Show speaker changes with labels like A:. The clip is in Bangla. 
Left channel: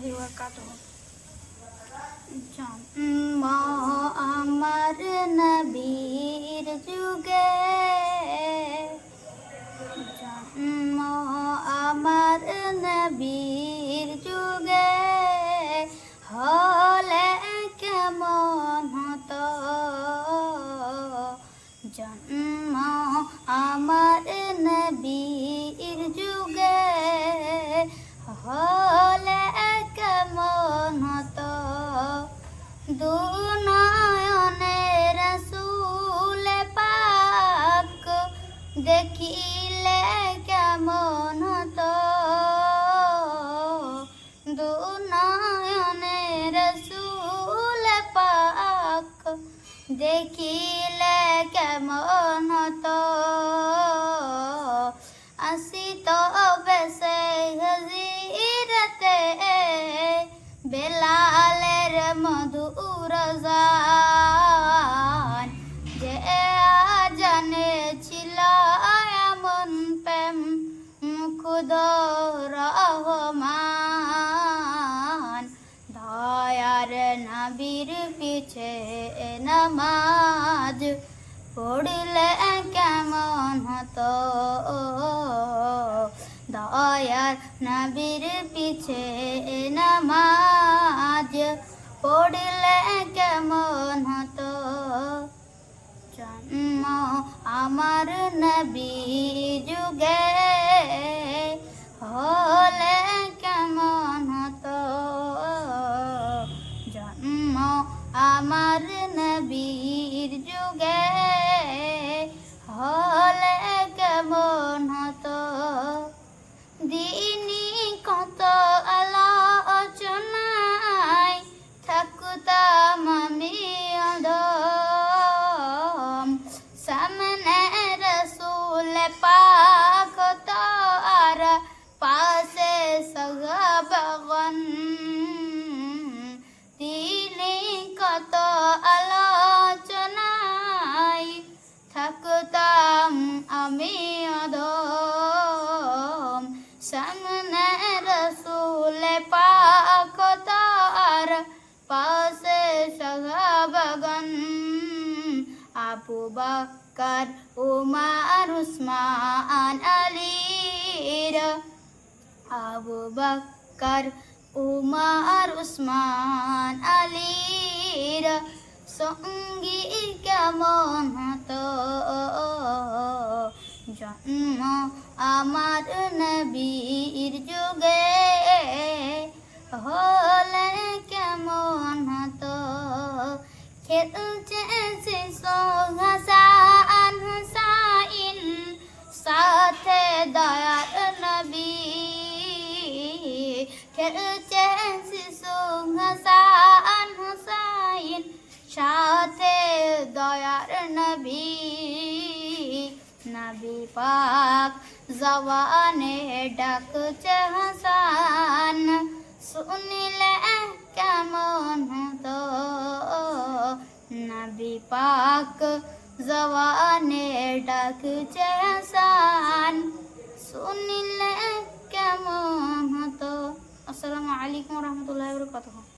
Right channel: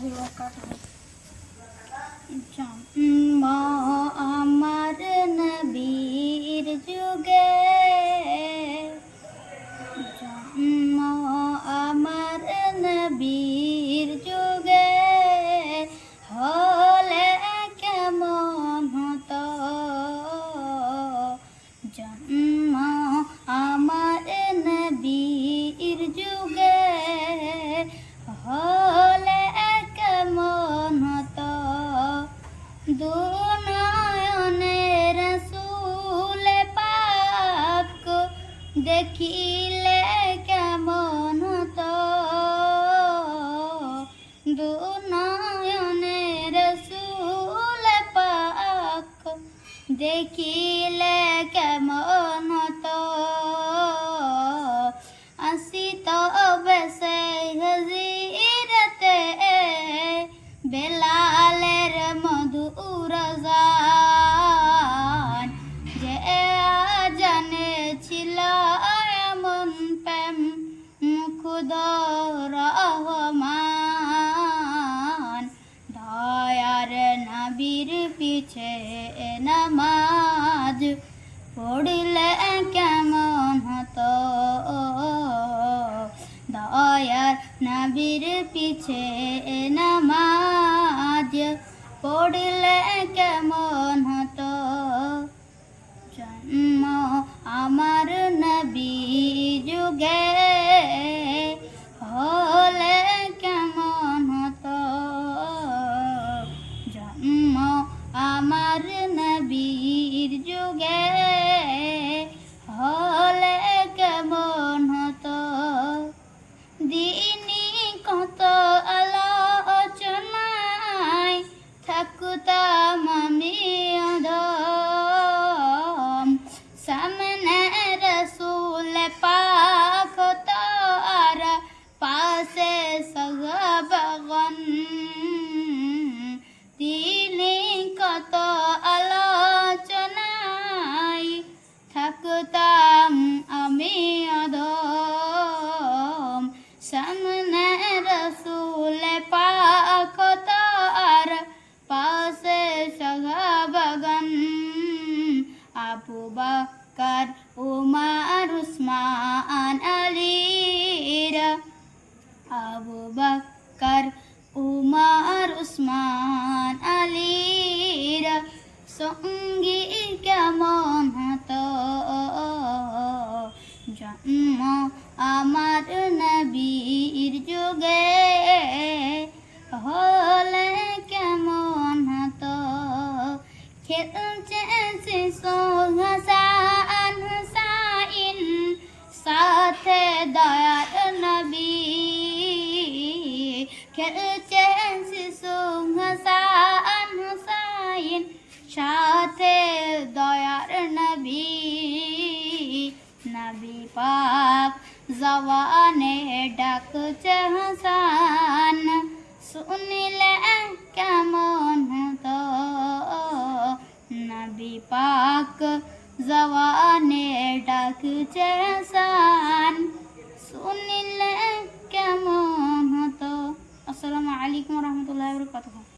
A: ওয়া বারাকাতুহু জন্ম আমার নবীর যুগে দেখিলে কেমন হতো? আসিত বেসে হজিরতে বেলালের মধুর গান যে জানে ছিল এমন প্রেম খুদ রহমান। নবীর পিছে নামাজ পড়লে কেমন হতো? দয়ার নবীর পিছে নামাজ পড়লে কেমন হতো? জন্ম আমার নবী আবু বকর, উমার, উসমান আলীর আবু বকর, উমার, উসমান আলীর সঙ্গী কেমন হতো? জন্ম আমার নবীর যুগে হলে কেমন হতো? খেলছে শিশু খেলছে শিশু হাসান হুসাইন সাথে দয়ার নবী নবী পাক জওয়ানে ডাকছে হাসান শুনিলে কেমন হতো নবী পাক জওয়ানে ডাকছে হাসান empatou.